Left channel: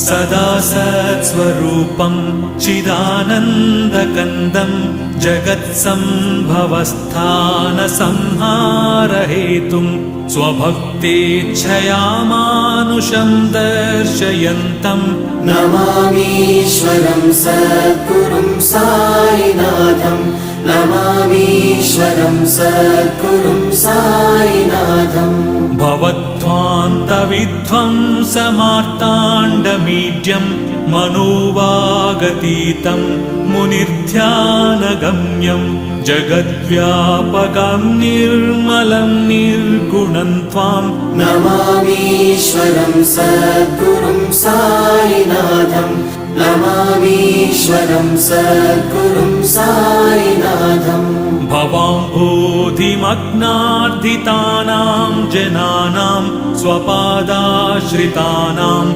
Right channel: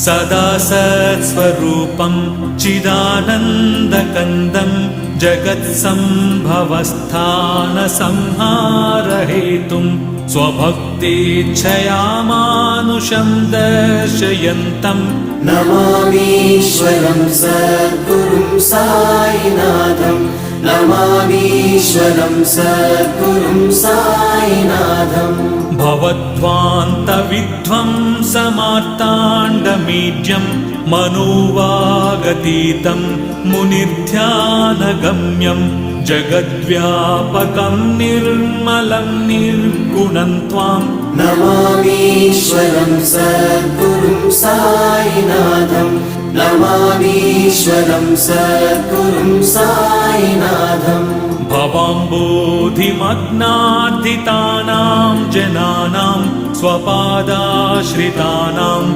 सदा सत्स्वरूपं चिदानन्दकन्दं जगत्सम्भवस्थानसंहारहेतुं स्वभक्तेच्छया मानुषं दर्शयन्तं नमामीश्वरं सद्गुरुं साईनाथं नमामीश्वरं सद्गुरुं साईनाथं भवद्ध्वान्तविध्वंसमार्ताण्डमीड्यं मनोवागतीतं मुनिर्ध्यानगम्यं जगद्व्यापकं निर्मलं निर्गुणं त्वां नमामीश्वरं सद्गुरुं साईनाथं नमामीश्वरं सद्गुरुं साईनाथं भवाम्बोधिमग्नार्दितानां जनानां स्वपादाश्रितानां